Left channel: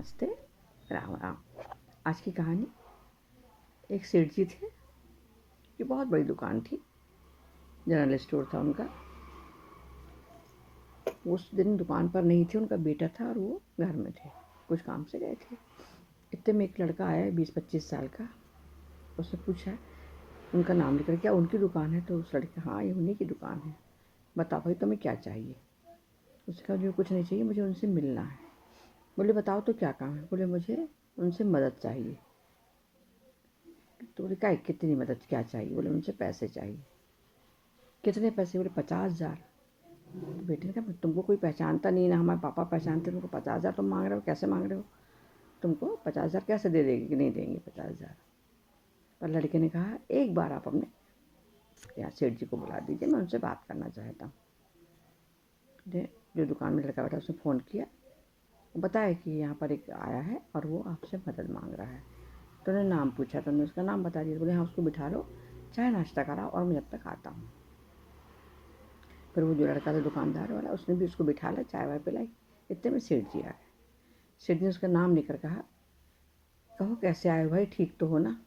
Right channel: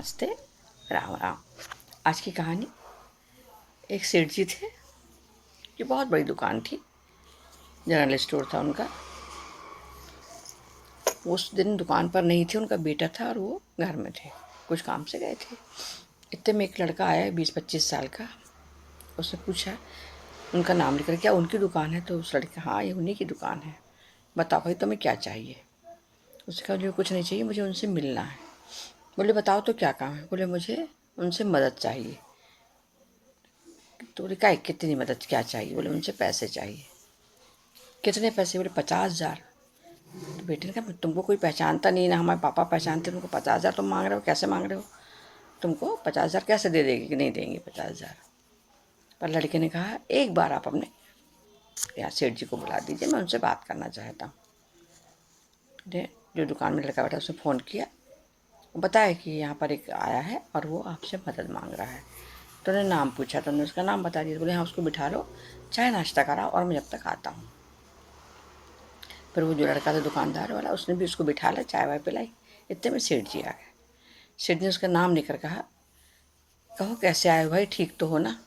नमस्ते। राम राम। आज की कहानी, एक सेठ जी थे कि बहुत बड़ी दुकान थी, जनरल स्टोर था उनका। उस दिन दुकान पर नहीं थे, उनका बेटा था और वो घर में थे, कुछ काम से गए थे। इतने में एक लड़का आया 20-25 साल का। उसने पूछा, उनका नाम लेकर, क्या उनकी दुकान है? तो उस लड़के, हाँ ये उन्हीं की दुकान है। बताओ भाई तुम्हें क्या चाहिए? उसने कहा मुझे कुछ नहीं चाहिए, मुझे उनसे मिलना है। बोले बताओ तो क्या काम है? बोले मुझे उनसे मदद चाहिए। तो बोले क्या, कितनी मदद, क्या चाहिए? बोले उनसे पैसे चाहिए। कितने पैसे? बोले 50,000। तो बेटे ने कहा तुमको कोई पहचानता नहीं ना, हमारे पापा पहचानते, तुमको 50,000 तुम मांग रहे हो, कैसे मांग रहे हो? तुमको 50,000 कैसे दे देगी कि नहीं देंगे 50,000? पर लड़के ने कहा एक बार आप अपने यहाँ सेठ जी को बुला दीजिए, मैं उनसे बात करना चाहता हूँ। जो दुकान में लड़का बैठा उसने फ़ोन किया, बताया कि यहाँ पर एक आया है और वो आपसे मदद मांग रहा है। तो उन्होंने नाम पूछा, तो उन्होंने उसका नाम बता दिया। बोले हाँ उसको बिठा लो, चाय नाश्ता कराओ और मैं जब तक आता हूँ। फिर वो जो लड़का था दुकानदार वाला, उसने भी उसको बिठा लिया, चाय वाय पिलाई। इतने में सेठ जी आ गए। सेठ जी ने उसका नाम लेकर कहा, कहो कैसे आए हो भाई, ठीक तो हो ना?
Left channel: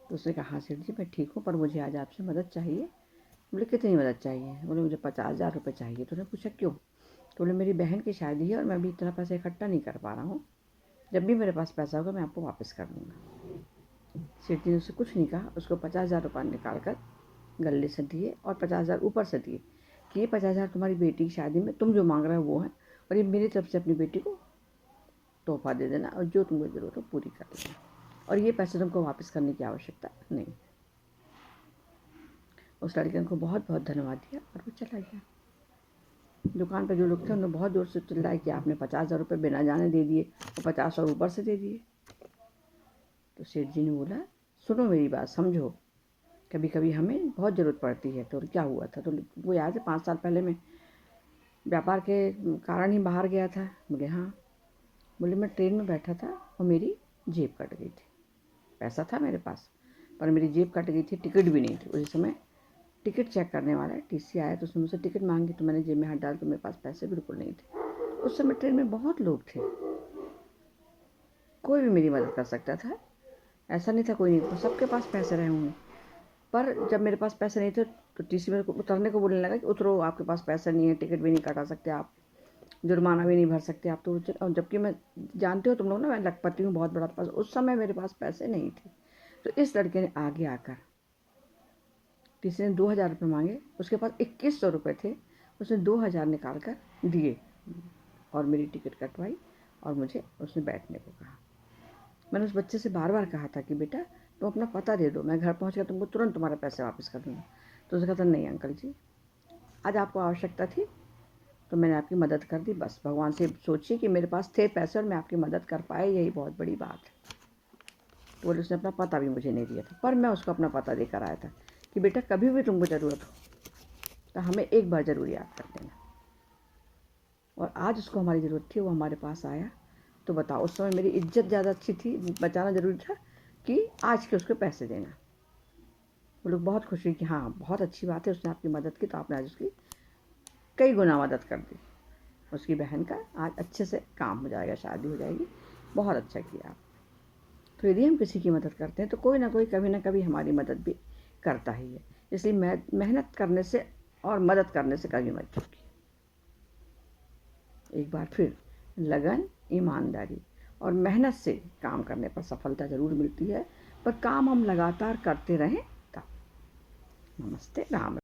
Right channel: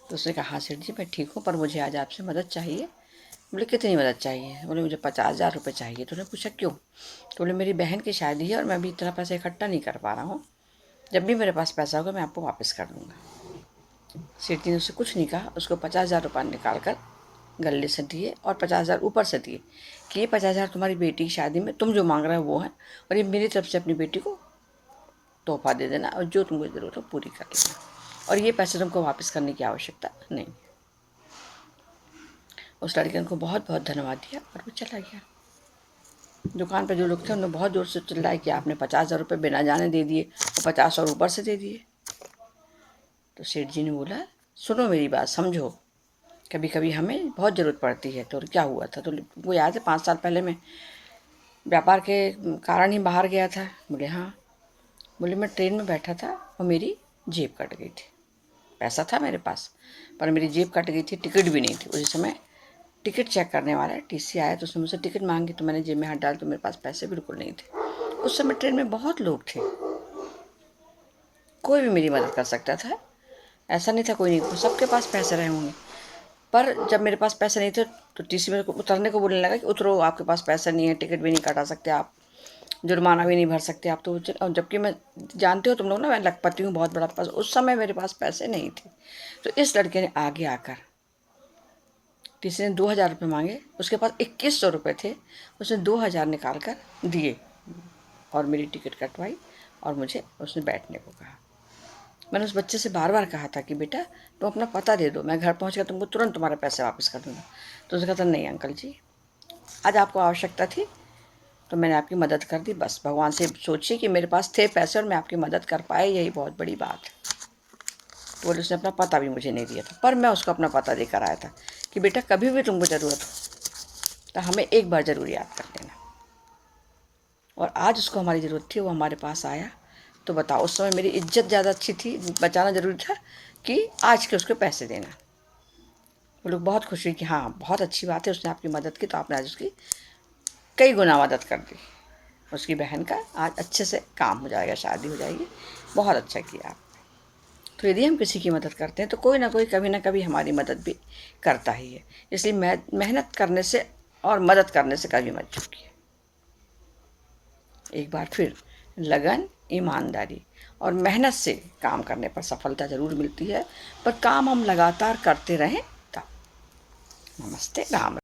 तो उसने कहा हाँ सेठ जी मैं ठीक हूँ, पर मुझे आज आपसे मदद चाहिए। बोले कितनी मदद चाहिए? बोले मुझे 50,000 रुपये चाहिए। तो उन्होंने पूछा क्यों? तो बोले मेरी बहन की शादी है और मैं अभी इतना पैसा इकट्ठा नहीं कर पा रहा हूँ, जब भी मेरे पास पैसा होगा मैं आपको वापस कर दूँगा। सेठ जी ने उससे कुछ नहीं कहा, उसको 50,000 रुपये निकाल कर गले से दिए और 50,000 ऊपर से दिए कि ये 50,000 तुम्हारी बेटी की शादी में तुम जो मांग रहे हो वो है, और ये मेरी तरफ से अपनी बेटी को तोहफा दे देना और जो तुमको ज़रूरत हो पूरी कर लेना, और ये पैसे तुमको वापस करने की आवश्यकता नहीं। उस लड़के ने उनको बहुत बहुत धन्यवाद दिया और वो चला गया। दुकान पर जो लोग थे उन्होंने बहुत जोर से चिल्लाया कि आपने 50,000 रुपये बिना जाने दे दिए और 50 और ऊपर से दे दिए। तो सेठ जी ने बोला, सुनो मेरी बात, समझो, कभी कभी हमें बहुत ज़रूरत पड़ती है। तो क्या हुआ था? तो वो याद है 5 साल पहले मैं व्यापार के कारण ही बाहर गया था। बोले हाँ। बोले मैं ट्रेन में बैठा था और मेरी जेब कट गई थी। पैसा था मेरे पास पर मेरी जेब कट गई थी, टिकट भी नहीं थी। उसी समय टिकट चेक करने वाला टीसी आया तो उसने मुझसे टिकट मांगी, तो मैंने जेब में हाथ डाला तो मेरे पास पैसे बिल्कुल नहीं थे। उस समय ट्रेन में बहुत लोग थे, कोई भी मेरी मदद कर सकता था, ऐसा नहीं था कोई नहीं, सबके पास पैसे रहे होंगे। पर जब मेरे पास पैसे नहीं थे तो टीसी मेरे को उतरने को बोलने लगा कि उतरो, आपके पास पैसा नहीं है, टिकट भी नहीं कटा सकते आप, जुर्माना भी नहीं भर सकते आप। तो और जबकि मैं, जानते हो तुम लोग ना, मैं लखपति हूँ, बहुत बड़ा पास, उस समय मेरे पास पैसे नहीं थे। तो इस लड़के ने आगे आकर, टीसी ने 2,000 रुपये मांगे, उसके पास 2,100 रुपये थे, उसने 2,000 निकाल कर दिए और मेरी टिकट कटवाई और मुझे उसने बैठने को कहा। मैंने उस बच्चे से बार बार कहा था कि बेटा तुम अपना पता दे दो, मैं घर पहुँच कर तुमको तुरंत तुम्हारे पैसे वापस कर दूँगा। तो उसने कहा था नहीं अंकल जी, आज आपको आवश्यकता थी तो मैंने आपकी मदद कर दी, बस भगवान से सोचिए कि मेरे पास थे पैसे और मैं आपकी मदद कर पाए, यही बहुत बड़ी बात है। तो बोले उसने अपना पता भी मुझे नहीं दिया था, पर मैं उसको अपना पता देकर आया था कि बेटा कभी भी तुमको ज़रूरत हो तो हमें एक बार ज़रूर याद कर लेना। और आज उसको हमारी ज़रूरत थी, वो हमारे पास आया। तो बताओ उस समय मेरी इज्जत ज़्यादा अच्छी थी, बचाना ज़रूरी था, कि आज के उसको पैसे देना। वो लोग बहुत खुश हुई कि हाँ बहुत अच्छी बात है, उसने आपकी मदद की तो आपने आज उसकी कई गुना मदद कर दी। उसकी बहन का आज अच्छे से काम हो जाएगा, शादी हो जाएगी, बहुत अच्छा किया आप। तो यदि हम किसी की मदद करते हैं तो कोई ना कोई कभी ना कभी हमारी मदद भी करता ही है। इसलिए मेहनत करने से और मदद करने से कभी मत चूकिए। एक बार फिर, लगन, ईमानदारी और मेहनत से काम करने पर सफलता ज़रूर मिलती है, पर काम हम लगातार करते रहें तब। नमस्ते, राम।